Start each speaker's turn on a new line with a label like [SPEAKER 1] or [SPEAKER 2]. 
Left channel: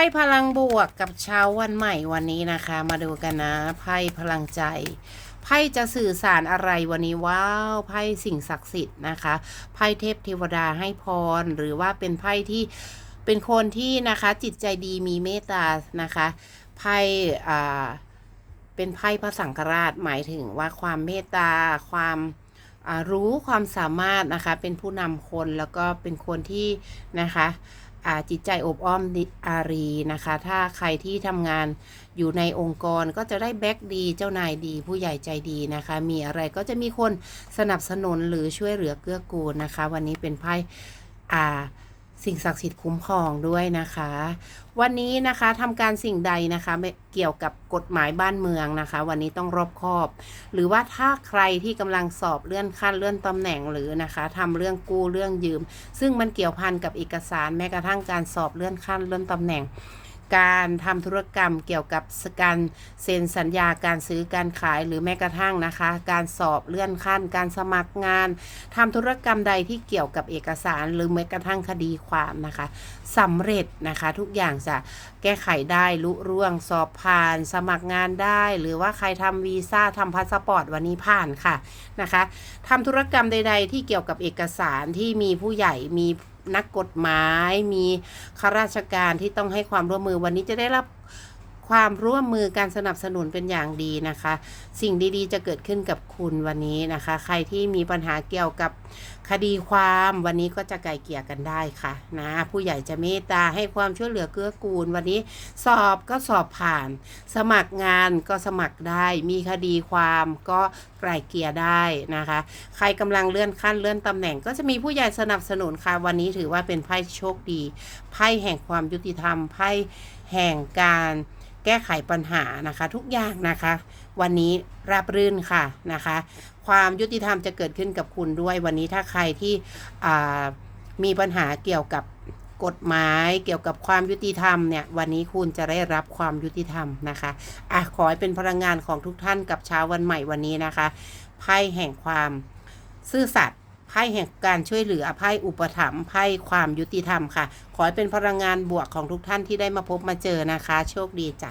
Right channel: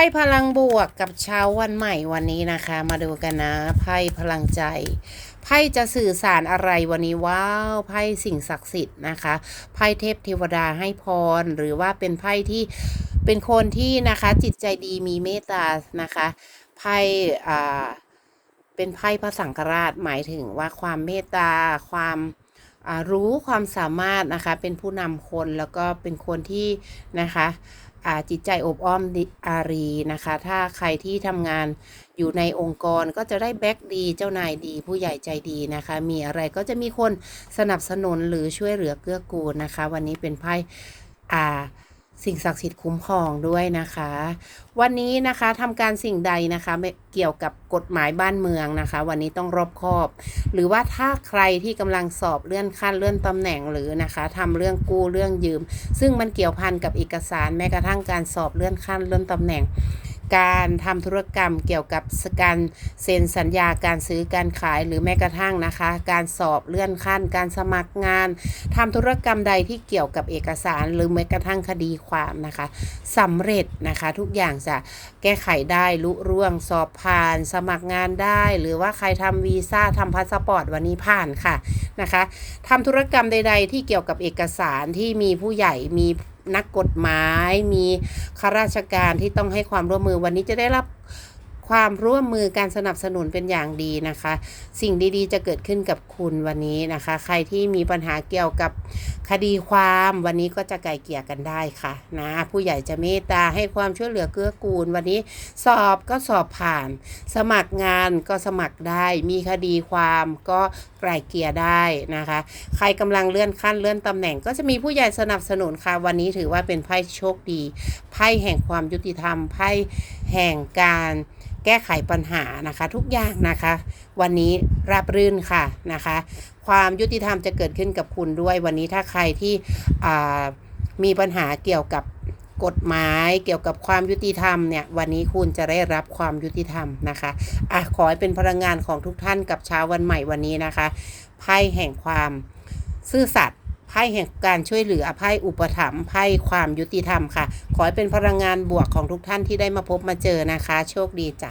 [SPEAKER 1] พ่พลังบวกกับเช้าวันใหม่วันนี้นะคะ มาดูกันนะ ไพ่พลังใจ ไพ่จะสื่อสารอะไรวันนี้ว้าวไพ่สิ่งศักดิ์สิทธิ์นะคะ ไพ่เทพเทวดาให้พร หรือว่าเป็นไพ่ที่เป็นคนที่นะคะจิตใจดีมีเมตตานะคะไพ่อ่าเป็นไพ่พระสังฆราชหมายถึงว่าความเมตตา ความรู้ความสามารถนะคะ เป็นผู้นำคนแล้วก็เป็นคนที่นะคะ จิตใจอบอ้อมดิอารีนะคะ ถ้าใครที่ทำงานอยู่ในองค์กรก็จะได้แบ็กดีเจ้านายดี ผู้ใหญ่ใจดีนะคะ มีอะไรก็จะมีคนสนับสนุนหรือช่วยเหลือเกื้อกูลนะคะ วันนี้เป็นไพ่อ่า สิ่งศักดิ์สิทธิ์คุ้มครองด้วยนะคะ วันนี้นะคะทำการสิ่งใดนะคะเกี่ยวกับกฎหมายบ้านเมืองนะคะ วันนี้ต้องรอบคอบ หรือว่าถ้าใครที่กำลังสอบเลื่อนขั้นเลื่อนตำแหน่งหรือนะคะทำเรื่องกู้เรื่องยืม ซึ่งมันเกี่ยวพันกับเอกสารแม้กระทั่งการสอบเลื่อนขั้นเลื่อนตำแหน่ง การทำธุรกรรมเกี่ยวกับการเซ็นสัญญาการซื้อการขายหรือแม้กระทั่งนะคะ การสอบเลื่อนขั้น การสมัครงานทำธุรกรรมใดที่เกี่ยวกับเอกสาร หรือแม้กระทั่งคดีความนะคะสำเร็จนะคะทุกอย่างจะแก้ไขได้ลุร่วงสอบผ่าน สมัครงานได้ หรือว่าใครทำวีซ่าทำพาสปอร์ตวันนี้ผ่านค่ะนะคะทำธุรกรรมใด ๆ ที่เกี่ยวกับเอกสารที่มีผู้ใหญ่มี นักกฎหมาย มีข้าราชการที่ต้องให้ความร่วมมือวันนี้จะได้รับ ความร่วมมือการสนับสนุนเป็นอย่างดีนะคะ สิ่งดีๆ จะเกิดขึ้นกับคุณวันนี้นะคะ ใครที่มีปัญหาเกี่ยวกับคดีความวันนี้ก็จะไกลเกลี่ยกันได้ค่ะนะผู้ใหญ่จะเมตตาให้ความช่วยเหลือเกื้อกูล วันนี้สอบก็สอบผ่าน สมัครงานก็สมัครได้ มีคดีความก็ไกลเกลี่ยได้นะคะ ใครกำลังเลื่อนขั้นเลื่อนตำแหน่ง ก็จะมีผู้ใหญ่สนับสนุนค่ะ วันนี้ถือว่าเป็นไพ่โชคดีไพ่แห่งความยุติธรรมไพ่แห่งการ ก้ไขปัญหานะคะ ทุกอย่างนะคะ วันนี้ราบรื่นค่ะนะคะ ความยุติธรรมจะเกิดขึ้นกับคุณด้วย วันนี้ถ้าใครที่มีปัญหาเกี่ยวกับกฎหมายเกี่ยวกับความยุติธรรมเนี่ยวันนี้คุณจะได้รับความยุติธรรมนะคะอะขอให้เป็นพลังงานของทุกท่านกับเช้าวันใหม่วันนี้นะคะไพ่แห่งความซื่อสัตย์ ไพ่แห่งการช่วยเหลือไพ่อุปถัมภ์ไพ่ความยุติธรรมค่ะ ขอให้เป็นพลังงานบวกของทุกท่านที่ได้มาพบมาเจอนะคะ โชคดีจ้ะ